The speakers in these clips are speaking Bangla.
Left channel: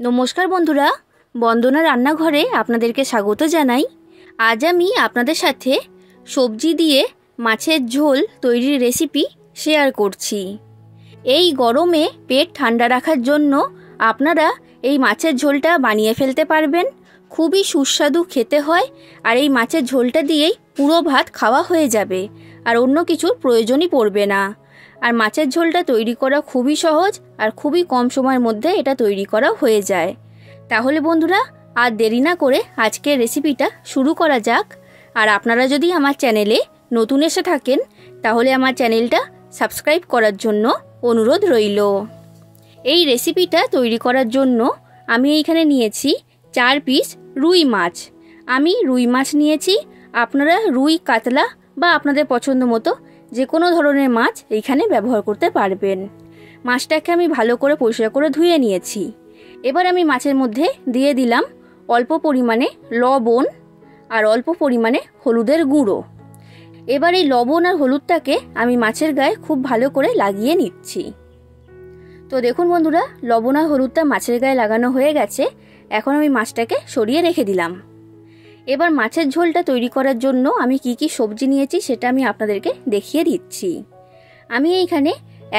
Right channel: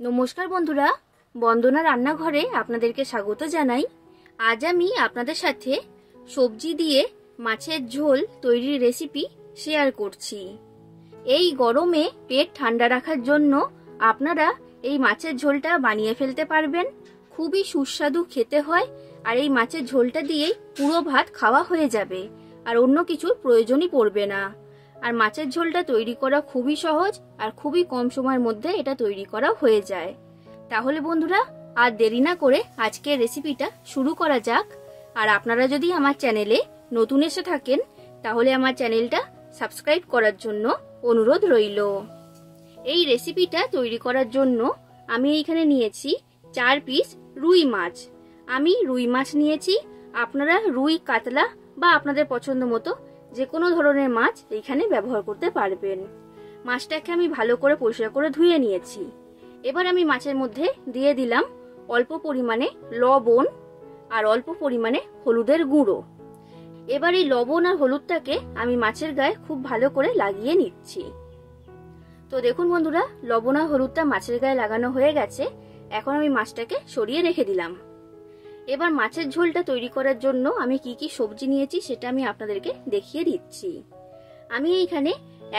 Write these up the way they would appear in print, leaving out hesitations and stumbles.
নমস্কার বন্ধুরা, বন্দনা রান্নাঘরে আপনাদেরকে স্বাগত জানাই। আজ আমি আপনাদের সাথে সবজি দিয়ে মাছের ঝোল তৈরির রেসিপি শেয়ার করছি। এই গরমে পেট ঠান্ডা রাখার জন্য আপনারা এই মাছের ঝোলটা বানিয়ে ফেলতে পারবেন। খুবই সুস্বাদু খেতে হয়, আর এই মাছের ঝোলটা দিয়েই পুরো ভাত খাওয়া হয়ে যাবে, আর অন্য কিছুর প্রয়োজনই পড়বে না। আর মাছের ঝোলটা তৈরি করা খুবই সহজ, আর খুবই কম সময়ের মধ্যে এটা তৈরি করা হয়ে যায়। তাহলে বন্ধুরা, আর দেরি না করে আজকের রেসিপিটা শুরু করা যাক। আর আপনারা যদি আমার চ্যানেলে নতুন এসে থাকেন, তাহলে আমার চ্যানেলটা সাবস্ক্রাইব করার জন্য অনুরোধ রইল। এই রেসিপিটা তৈরি করার জন্য আমি এইখানে নিয়েছি 4 পিস রুই মাছ। আমি রুই মাছ নিয়েছি। আপনারা রুই, কাতলা বা আপনাদের পছন্দ মতো যে কোনো ধরনের মাছ এইখানে ব্যবহার করতে পারবেন। মাছটাকে আমি ভালো করে পরিষ্কার করে ধুয়ে নিয়েছি। এবার আমি মাছের মধ্যে দিয়ে দিলাম অল্প পরিমাণে লবণ আর অল্প পরিমাণে হলুদের গুঁড়ো। এবার এই লবণ আর হলুদটাকে আমি মাছের গায়ে খুব ভালো করে লাগিয়ে নিচ্ছি। তো দেখুন বন্ধুরা, লবণ আর হলুদটা মাছের গায়ে লাগানো হয়ে গেছে। এখন আমি মাছটাকে সরিয়ে রেখে দিলাম। এবার মাছের ঝোলটা তৈরি করার জন্য আমি কি কি সবজি নিয়েছি সেটা আমি আপনাদেরকে দেখিয়ে দিচ্ছি। আমি এইখানে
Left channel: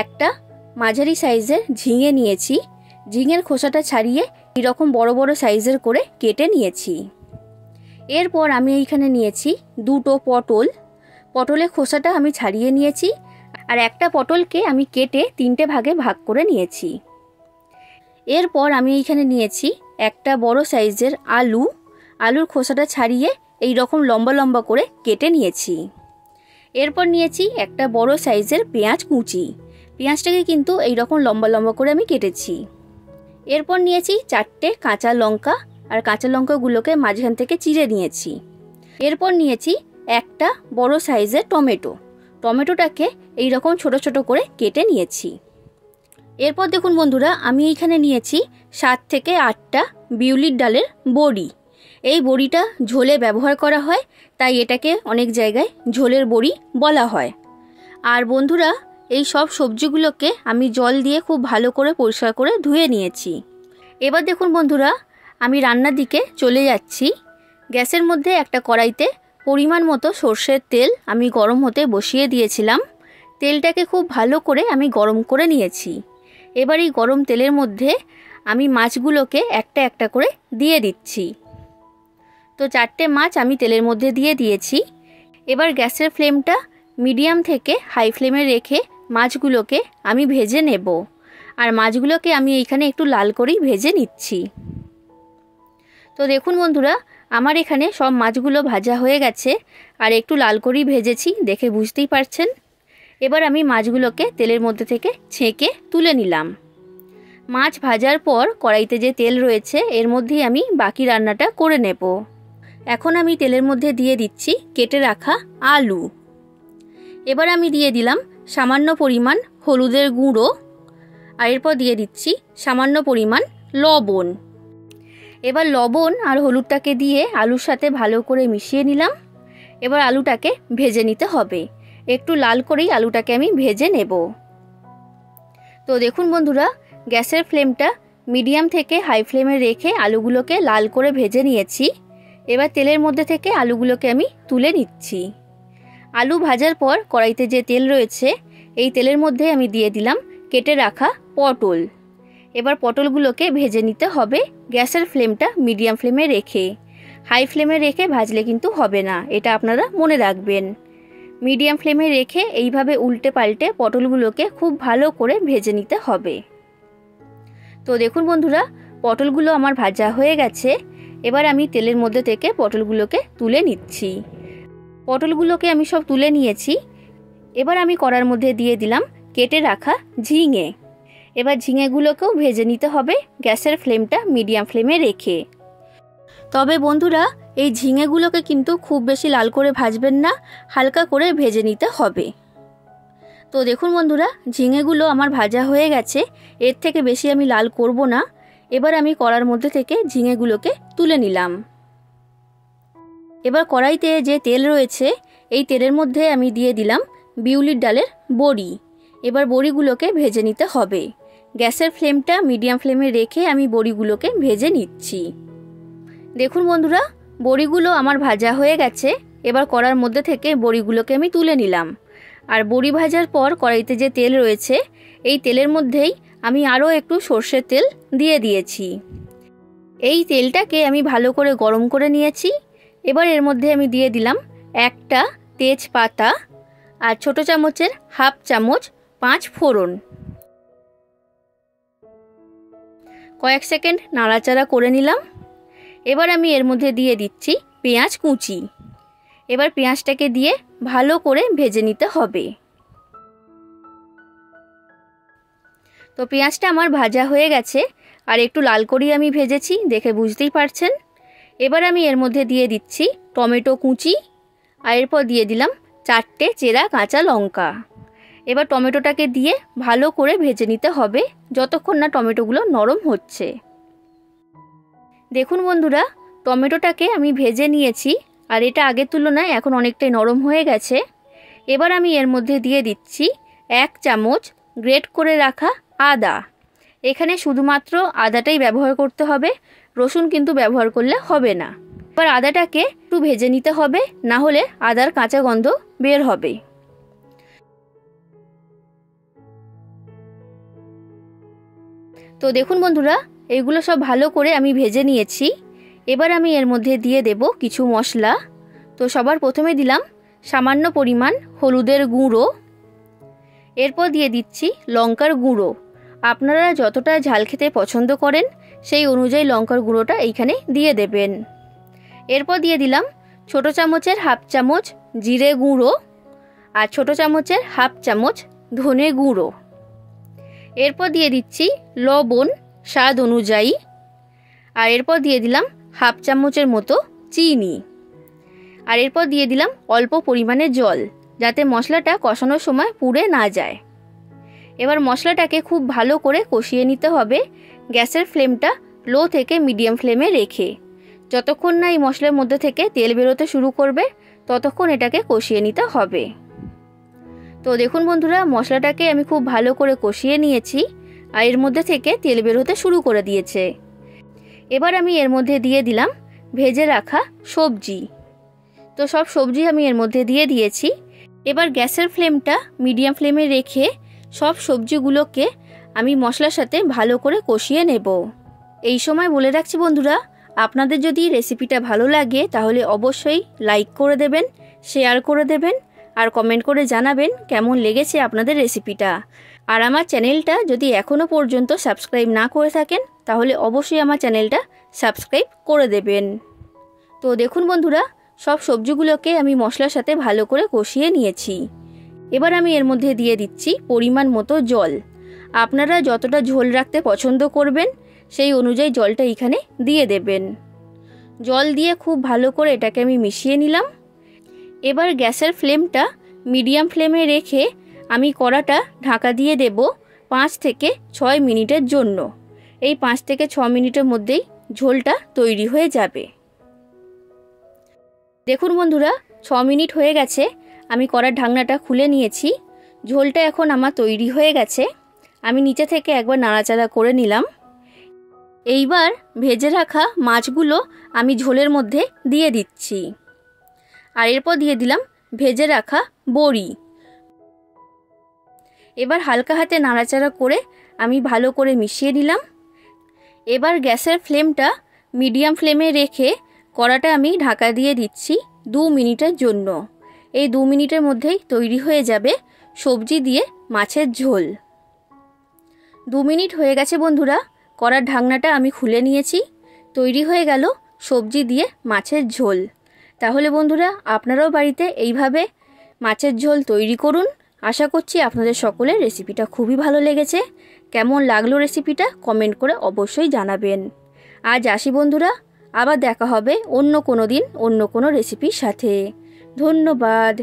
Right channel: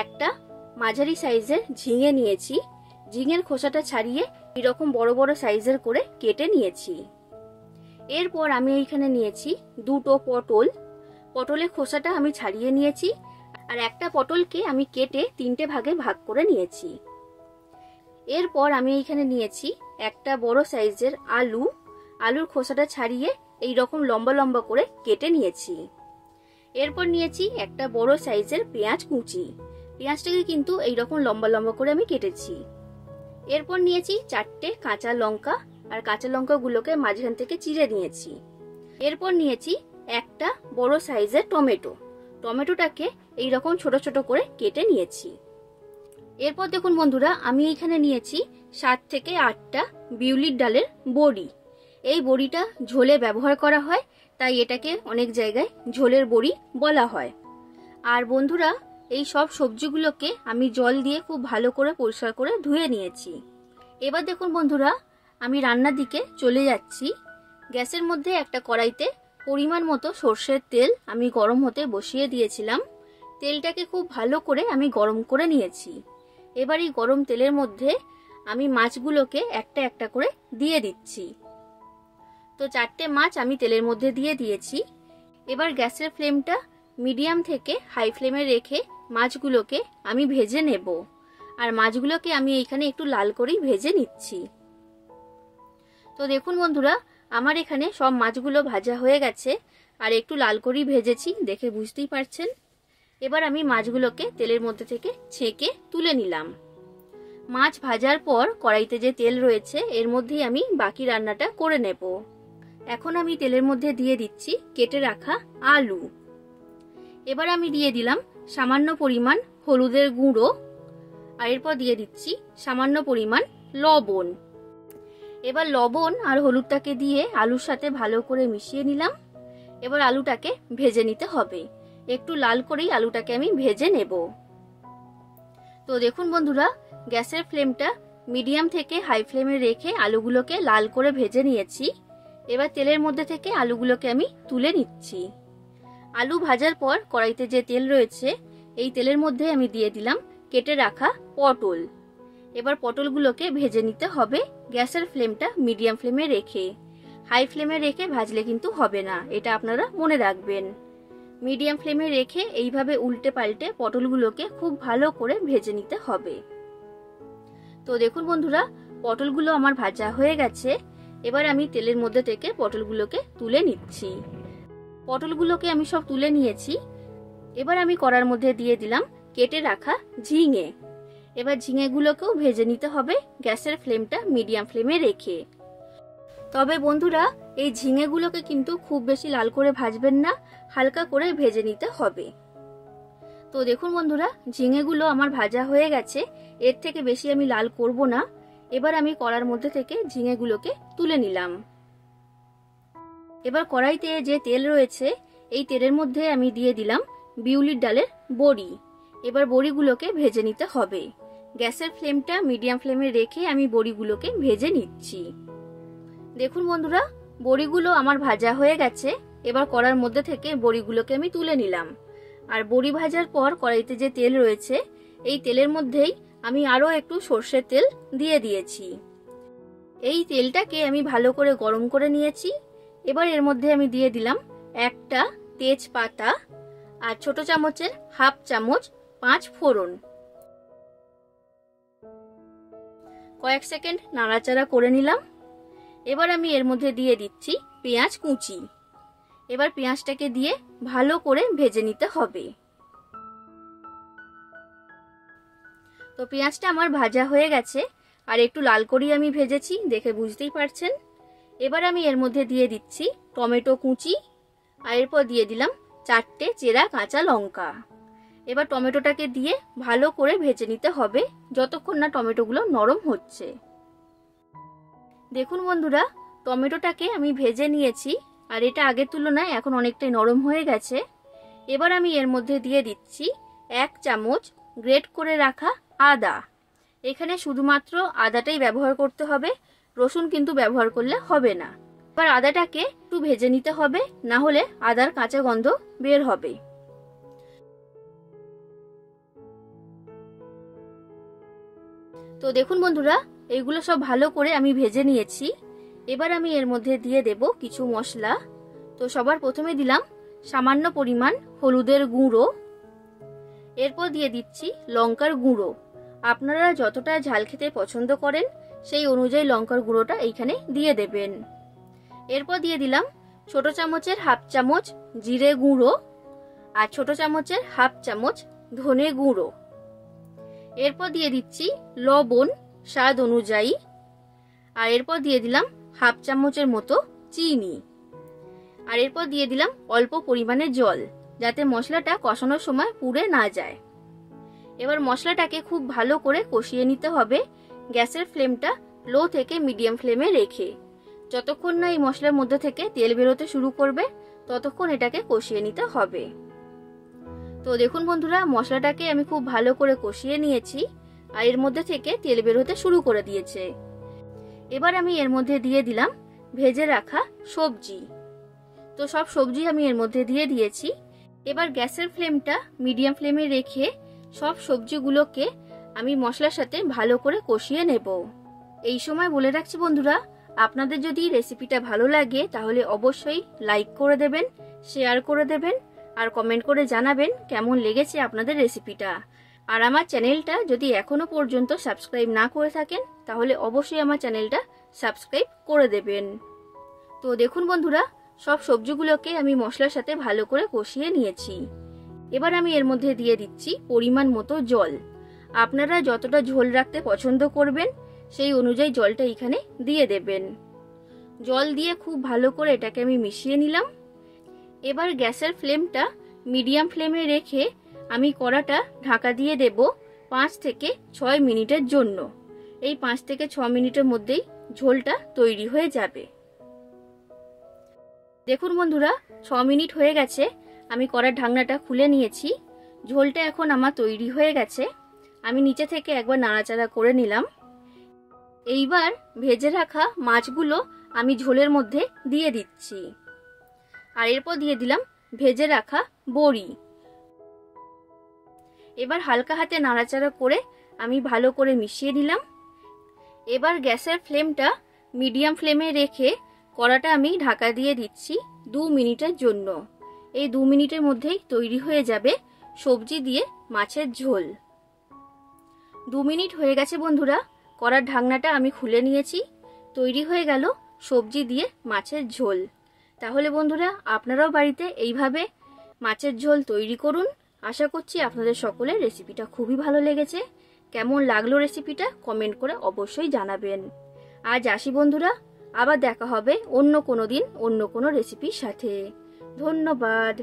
একটা মাঝারি সাইজের ঝিঙে নিয়েছি। ঝিঙের খোসাটা ছাড়িয়ে এরকম বড় বড় সাইজের করে কেটে নিয়েছি। এরপর আমি এইখানে নিয়েছি 2টো পটল। পটলের খোসাটা আমি ছাড়িয়ে নিয়েছি, আর একটা পটলকে আমি কেটে 3টে ভাগে ভাগ করে নিয়েছি। এরপর আমি এইখানে নিয়েছি একটা বড় সাইজের আলু। আলুর খোসাটা ছাড়িয়ে এই রকম লম্বা লম্বা করে কেটে নিয়েছি। এরপর নিয়েছি একটা বড় সাইজের পেঁয়াজ কুচি। পেঁয়াজটাকে কিন্তু এই রকম লম্বা লম্বা করে আমি কেটেছি। এরপর নিয়েছি 4টে কাঁচা লঙ্কা, আর কাঁচা লঙ্কাগুলোকে মাঝখান থেকে চিড়ে নিয়েছি। এরপর নিয়েছি একটা বড় সাইজের টমেটো। টমেটোটাকে এই রকম ছোট ছোট করে কেটে নিয়েছি। এরপর দেখুন বন্ধুরা, আমি এইখানে নিয়েছি 7 থেকে 8টা বিউলির ডালের বড়ি। এই বড়িটা ঝোলে ব্যবহার করা হয়, তাই এটাকে অনেক জায়গায় ঝোলের বড়ি বলা হয়। আর বন্ধুরা, এই সব সবজিগুলোকে আমি জল দিয়ে খুব ভালো করে পরিষ্কার করে ধুয়ে নিয়েছি। এবার দেখুন বন্ধুরা, আমি রান্নার দিকে চলে যাচ্ছি। গ্যাসের মধ্যে একটা কড়াইতে পরিমাণ মতো সর্ষের তেল আমি গরম হতে বসিয়ে দিয়েছিলাম। তেলটাকে খুব ভালো করে আমি গরম করে নিয়েছি। এবার এই গরম তেলের মধ্যে আমি মাছগুলোকে একটা একটা করে দিয়ে দিচ্ছি। তো 4টে মাছ আমি তেলের মধ্যে দিয়ে দিয়েছি। এবার গ্যাসের ফ্লেমটা মিডিয়াম থেকে হাই ফ্লেমে রেখে মাছগুলোকে আমি ভেজে নেব। আর মাছগুলোকে আমি এইখানে একটু লাল করেই ভেজে নিচ্ছি। তো দেখুন বন্ধুরা, আমার এখানে সব মাছগুলো ভাজা হয়ে গেছে, আর একটু লাল করেই ভেজেছি, দেখে বুঝতেই পারছেন। এবার আমি মাছগুলোকে তেলের মধ্যে থেকে ছেঁকে তুলে নিলাম। মাছ ভাজার পর কড়াইতে যে তেল রয়েছে এর মধ্যেই আমি বাকি রান্নাটা করে নেব। এখন আমি তেলের মধ্যে দিয়ে দিচ্ছি কেটে রাখা আলু। এবার আমি দিয়ে দিলাম সামান্য পরিমাণ হলুদের গুঁড়ো, আর এরপর দিয়ে দিচ্ছি সামান্য পরিমাণ লবণ। এবার লবণ আর হলুদটাকে দিয়ে আলুর সাথে ভালো করে মিশিয়ে নিলাম। এবার আলুটাকে ভেজে নিতে হবে। একটু লাল করেই আলুটাকে আমি ভেজে নেব। তো দেখুন বন্ধুরা, গ্যাসের ফ্লেমটা মিডিয়াম থেকে হাই ফ্লেমে রেখে আলুগুলোকে লাল করে ভেজে নিয়েছি। এবার তেলের মধ্যে থেকে আলুগুলোকে আমি তুলে নিচ্ছি। আলু ভাজার পর কড়াইতে যে তেল রয়েছে এই তেলের মধ্যে আমি দিয়ে দিলাম কেটে রাখা পটল। এবার পটলগুলোকে ভেজে নিতে হবে গ্যাসের ফ্লেমটা মিডিয়াম ফ্লেমে রেখে। হাই ফ্লেমে রেখে ভাজলে কিন্তু হবে না, এটা আপনারা মনে রাখবেন। মিডিয়াম ফ্লেমে রেখে এইভাবে উল্টে পাল্টে পটলগুলোকে খুব ভালো করে ভেজে নিতে হবে। তো দেখুন বন্ধুরা, পটলগুলো আমার ভাজা হয়ে গেছে। এবার আমি তেলের মধ্যে থেকে পটলগুলোকে তুলে নিচ্ছি। পটলগুলোকে আমি সব তুলে নিয়েছি। এবার আমি কড়ার মধ্যে দিয়ে দিলাম কেটে রাখা ঝিঙে। এবার ঝিঙেগুলোকেও ভেজে নিতে হবে গ্যাসের ফ্লেমটা মিডিয়াম ফ্লেমে রেখে। তবে বন্ধুরা, এই ঝিঙেগুলোকে কিন্তু খুব বেশি লাল করে ভাজবেন না, হালকা করে ভেজে নিতে হবে। তো দেখুন বন্ধুরা, ঝিঙেগুলো আমার ভাজা হয়ে গেছে। এর থেকে বেশি আমি লাল করব না। এবার আমি কড়ার মধ্যে থেকে ঝিঙেগুলোকে তুলে নিলাম। এবার কড়াইতে যে তেল রয়েছে এই তেলের মধ্যে আমি দিয়ে দিলাম বিউলির ডালের বড়ি। এবার বড়িগুলোকে ভেজে নিতে হবে। গ্যাসের ফ্লেমটা মিডিয়াম ফ্লেমে রেখে আমি বড়িগুলোকে ভেজে নিচ্ছি। দেখুন বন্ধুরা, বড়িগুলো আমার ভাজা হয়ে গেছে। এবার কড়ার মধ্যে থেকে বড়িগুলোকে আমি তুলে নিলাম। আর বড়ি ভাজার পর কড়াইতে যে তেল রয়েছে, এই তেলের মধ্যেই আমি আরও একটু সর্ষের তেল দিয়ে দিয়েছি। এই তেলটাকে আমি ভালো করে গরম করে নিয়েছি। এবার এর মধ্যে আমি দিয়ে দিলাম একটা তেজপাতা আর ছোট চামচের হাফ চামচ 5 ফোড়ন। কয়েক সেকেন্ড নাড়াচাড়া করে নিলাম। এবার আমি এর মধ্যে দিয়ে দিচ্ছি পেঁয়াজ কুচি। এবার পেঁয়াজটাকে দিয়ে ভালো করে ভেজে নিতে হবে। তো পেঁয়াজটা আমার ভাজা হয়ে গেছে, আর একটু লাল করেই আমি ভেজেছি, দেখে বুঝতেই পারছেন। এবার আমি এর মধ্যে দিয়ে দিচ্ছি টমেটো কুচি, আর এরপর দিয়ে দিলাম 4টে চেরা কাঁচা লঙ্কা। এবার টমেটোটাকে দিয়ে ভালো করে ভেজে নিতে হবে যতক্ষণ না টমেটোগুলো নরম হচ্ছে। দেখুন বন্ধুরা, টমেটোটাকে আমি ভেজে নিয়েছি, আর এটা আগের তুলনায় এখন অনেকটাই নরম হয়ে গেছে। এবার আমি এর মধ্যে দিয়ে দিচ্ছি 1 চামচ গ্রেট করে রাখা আদা। এখানে শুধুমাত্র আদাটাই ব্যবহার করতে হবে, রসুন কিন্তু ব্যবহার করলে হবে না। এবার আদাটাকে একটু ভেজে নিতে হবে, না হলে আদার কাঁচা গন্ধ বের হবে। তো দেখুন বন্ধুরা, এগুলো সব ভালো করে আমি ভেজে নিয়েছি। এবার আমি এর মধ্যে দিয়ে দেব কিছু মশলা। তো সবার প্রথমে দিলাম সামান্য পরিমাণ হলুদের গুঁড়ো। এরপর দিয়ে দিচ্ছি লঙ্কার গুঁড়ো। আপনারা যতটা ঝাল খেতে পছন্দ করেন সেই অনুযায়ী লঙ্কার গুঁড়োটা এইখানে দিয়ে দেবেন। এরপর দিয়ে দিলাম ছোট চামচের হাফ চামচ জিরে গুঁড়ো আর ছোট চামচের হাফ চামচ ধনে গুঁড়ো। এরপর দিয়ে দিচ্ছি লবণ স্বাদ অনুযায়ী, আর এরপর দিয়ে দিলাম হাফ চামচের মতো চিনি, আর এরপর দিয়ে দিলাম অল্প পরিমাণে জল, যাতে মশলাটা কষানোর সময় পুড়ে না যায়। এবার মশলাটাকে খুব ভালো করে কষিয়ে নিতে হবে, গ্যাসের ফ্লেমটা লো থেকে মিডিয়াম ফ্লেমে রেখে। যতক্ষণ না এই মশলার মধ্যে থেকে তেল বেরোতে শুরু করবে ততক্ষণ এটাকে কষিয়ে নিতে হবে। তো দেখুন বন্ধুরা, মশলাটাকে আমি খুব ভালো করে কষিয়ে নিয়েছি, আর এর মধ্যে থেকে তেল বেরোতে শুরু করে দিয়েছে। এবার আমি এর মধ্যে দিয়ে দিলাম ভেজে রাখা সবজি। তো সব সবজি আমি এর মধ্যে দিয়ে দিয়েছি। এবার গ্যাসের ফ্লেমটা মিডিয়াম ফ্লেমে রেখে সব সবজিগুলোকে আমি মশলার সাথে ভালো করে কষিয়ে নেব। এই সময় বলে রাখছি বন্ধুরা, আপনাদের যদি রেসিপিটা ভালো লাগে তাহলে অবশ্যই লাইক করে দেবেন, শেয়ার করে দেবেন, আর কমেন্ট করে জানাবেন কেমন লেগেছে আপনাদের রেসিপিটা। আর আমার চ্যানেলটা যদি এখনও পর্যন্ত সাবস্ক্রাইব না করে থাকেন তাহলে অবশ্যই আমার চ্যানেলটা সাবস্ক্রাইব করে দেবেন। তো দেখুন বন্ধুরা, সব সবজিগুলোকে আমি মশলার সাথে ভালো করে কষিয়ে নিয়েছি। এবার আমি এর মধ্যে দিয়ে দিচ্ছি পরিমাণ মতো জল। আপনারা যতটা ঝোল রাখতে পছন্দ করবেন সেই অনুযায়ী জলটা এখানে দিয়ে দেবেন। জল দিয়ে খুব ভালো করে এটাকে আমি মিশিয়ে নিলাম। এবার গ্যাসের ফ্লেমটা মিডিয়াম ফ্লেমে রেখে আমি কড়াটা ঢাকা দিয়ে দেব 5 থেকে 6 মিনিটের জন্য। এই 5 থেকে 6 মিনিটের মধ্যেই ঝোলটা তৈরি হয়ে যাবে। দেখুন বন্ধুরা, 6 মিনিট হয়ে গেছে, আমি কড়ার ঢাকনাটা খুলে নিয়েছি। ঝোলটা এখন আমার তৈরি হয়ে গেছে। আমি নিচে থেকে একবার নাড়াচাড়া করে নিলাম। এইবার ভেজে রাখা মাছগুলো আমি ঝোলের মধ্যে দিয়ে দিচ্ছি, আর এরপর দিয়ে দিলাম ভেজে রাখা বড়ি। এবার হালকা হাতে নাড়াচাড়া করে আমি ভালো করে মিশিয়ে নিলাম। এবার গ্যাসের ফ্লেমটা মিডিয়াম ফ্লেমে রেখে কড়াটা আমি ঢাকা দিয়ে দিচ্ছি 2 মিনিটের জন্য। এই 2 মিনিটের মধ্যেই তৈরি হয়ে যাবে সবজি দিয়ে মাছের ঝোল। 2 মিনিট হয়ে গেছে বন্ধুরা, কড়ার ঢাকনাটা আমি খুলে নিয়েছি। তৈরি হয়ে গেল সবজি দিয়ে মাছের ঝোল। তাহলে বন্ধুরা, আপনারাও বাড়িতে এইভাবে মাছের ঝোল তৈরি করুন। আশা করছি আপনাদের সকলের রেসিপিটা খুবই ভালো লেগেছে। কেমন লাগলো রেসিপিটা কমেন্ট করে অবশ্যই জানাবেন। আজ আসি বন্ধুরা, আবার দেখা হবে অন্য কোনো দিন অন্য কোনো রেসিপির সাথে। ধন্যবাদ।